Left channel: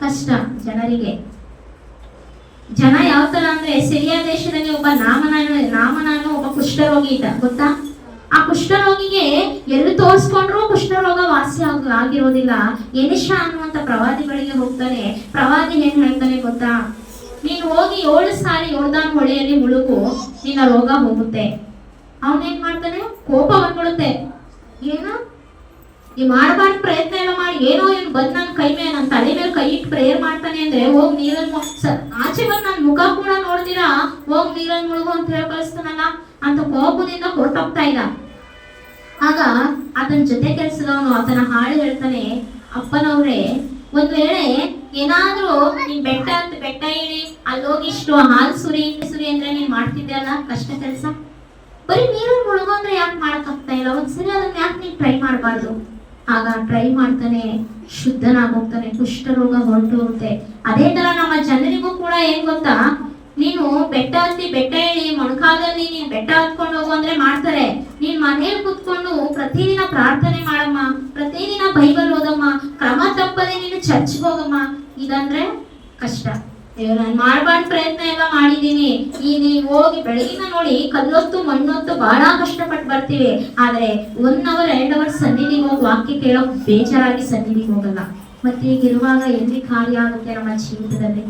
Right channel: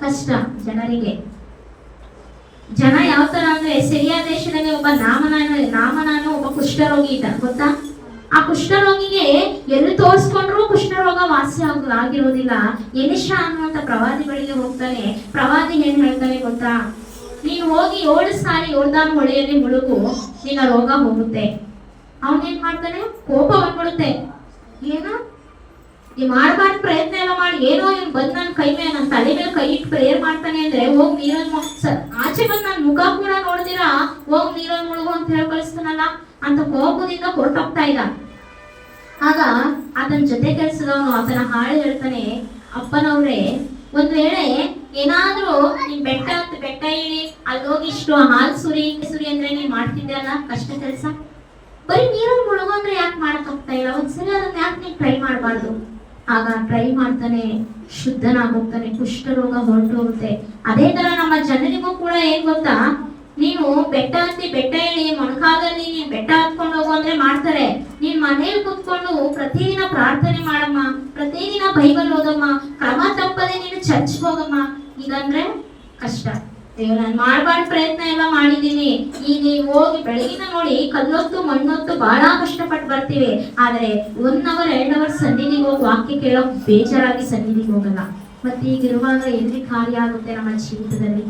ಕಷ್ಟ ಜನರಿಗೆ. ಜನ ಯಾವ ತರ ಅಂದ್ರೆ ಸಿರಿಯಾ ದೇಶದಲ್ಲಿ ಒಬ್ಬ ನಾಮನ ನಾಮನಾನು ಒಬ್ಬ ಕುಷ್ಠರೋಗಿ ಇದ್ದ, ಗೊತ್ತಾ? ಆ ಕುಷ್ಠರೋಗಿಗೆ ಎಲ್ಲಿ ತೋರಿಸ್ಕೊಂಡ್ರು ಕುಷ್ಠರೋಗ ವಾಸಿ ಆಗ, ಆಗಿರೋದಿಲ್ಲ. ಎನಿಷ ಅನ್ನುವಂತ ಪ್ರವಾದಿ ಬಳಿಗೆ ಹೋಗ್ತಾನೆ ಪ್ರವಾದಿ ಏನ್ ಹೇಳ್ತಾನೆ ಗೊತ್ತಾ? ನೀನು ಹೋಗಿ ಏಳು ಸಾರಿ ಯೋರ್ದಾನ್ ಹೊಳೆಯಲ್ಲಿ ಮುಳುಗು, ನಿನ್ನ ರೋಗ ಹೋಗುತ್ತೆ. ಅವನೇನ್ ಮಾಡ್ತಾನೆ? ಕೋಪ ಬಂದ್ಬಿಡುತ್ತೆ. ಏನು? ನೀ ಮಾಡ್ಬಾರ್ದು ಪ್ರಯತ್ನ ಎಲ್ಲ ಮಾಡಿ, ಏನೋ ಇವ್ನು ಬಂದ್ ನನ್ನ ಕೈ ಮೇಲೆ ನನ್ನ ತಲೆ ಪ್ರೇಯರ್ ಮಾಡ್ತಾನೆ ಅಂದ್ರೆ, ಹೋಗ್ ನೀರನ್ ಆಚೆ ಬಂದ್ ನಾನ್ ಮುಖ ಕೂಡ ನೋಡ್ದಿರಾ ಹೋಗ್ ನೀರನ್ ಮುಳುಗು ಅಂತ ಹೇಳಿ ಕಳಿಸ್ತಾನಲ್ಲ, ಅಂತ ಕೋಪದಿಂದ ಹೊರಟೋಗ್ತಾ ಇದ್ದ. ಆಗ ಆತನ ಜೊತೆ ಕೆಲಸದವನು ಆತನ ಹಾಳು ಹೇಳ್ತಾನೆ, ಅಪ್ಪನವ್ರೆ, ಒಂದ್ ವೇಳೆ ಏನಾದ್ರೂ ನೀನ್ ಬೆಟ್ಟ ಅಂತ ಬೆಟ್ಟ ಇಳಿ, ಅಲ್ಲಿ ಹೋಗಿ ಇಷ್ಟು ಹಾಲು ಸುರಿ ಸುರಿ ಅಂದ್ರೆ ನೀನ್ ಮಾಡ್ತಿದ್ದೆ ಅಲ್ಲ ಕಷ್ಟ ಕೆಲಸ? ಬರೀ ನೀರಲ್ಲಿ ಮುಳುಗು ಅಂದ್ರೆ ಯಾಕೆ ಮಾಡಕ್ ಆಗ್ತಾ ಇಲ್ಲ? ಒಂದ್ಸಲ ಅದನ್ನ ಯಾಕೆ ನೀನ್ ಟ್ರೈ ಮಾಡಬಾರ್ದು? ಆಗ ಟ್ರೈ ಮಾಡ್ತಾನೆ ಶುದ್ಧನಾಗೋಗ್ತಾನೆ ಕುಷ್ಠರೋಗ ಹೊರಟು ಹೋಗುತ್ತೆ. ಅದೇ ತರ ನಮ್ಮ ಜನರಿಗೂ ಕೂಡ ಏನ್ ಗೊತ್ತಾ? ನೀನು ಬೆಟ್ಟ ಹತ್ತಿ ಬೆಟ್ಟ ಹೇಳಿ ಮೊಣಕಾಲಲ್ಲಿ ನೀನ್ ಬೆಟ್ಟ ಹತ್ಕೊಂಡು ಹೋಗು ಅಂದ್ರೆ ಮಾಡ್ತಾರೆ. ನೀನ್ ಮನೇಲಿ ಕುತ್ಕೊಂಡು ಪ್ರತಿದಿನ ಪ್ರಾರ್ಥನೆ ಮಾಡಮ್ಮ, ಪ್ರತಿದಿನ ಬೈಬಲ್ ಓದಮ್ಮ, ಕ್ರಮ ತಪ್ಪದೆ ನೀನು ಚರ್ಚ್ಗೆ ಹೋಗಮ್ಮ. ಇದಂದ್ರೆ ಕಷ್ಟ. ಅಯ್ಯೋ ನಾನು ಮಾಡ್ಬಾರ್ದು ಪ್ರಯತ್ನ ಎಲ್ಲ ಮಾಡಿದೀನಿ ಈ ನೀವು ಹೋಗಿ ಬೆಳಗಿನ ನೋಡಿ ಕಲ್ಲೊತ್ತು ಮಣ್ಣೊತ್ತು ಬಹಳ ಕಷ್ಟಪಟ್ಟು ಬರ್ತೀವಿ. ಆದ್ರೆ ಒನ್ ಅವರ್, ಎರಡ್ ಅವರ್ ಸನ್ನಿಧಿಗೆ ಹೋಗಿ ವಾಕ್ಯ ಕೇಳೋಕ್ ಬೇಜಾರಾಗಿ ಸನ್ನಿಧಿಗೆ ಹೋಗಲ್ಲ. ಮತ್ತೆ ಈಗಿರುವಾಗ ಎಲ್ಲಿ ಕಾರ್ಯ ಆಗುತ್ತೆ ನಮ್ಮ ಜೀವಿತದಲ್ಲಿ?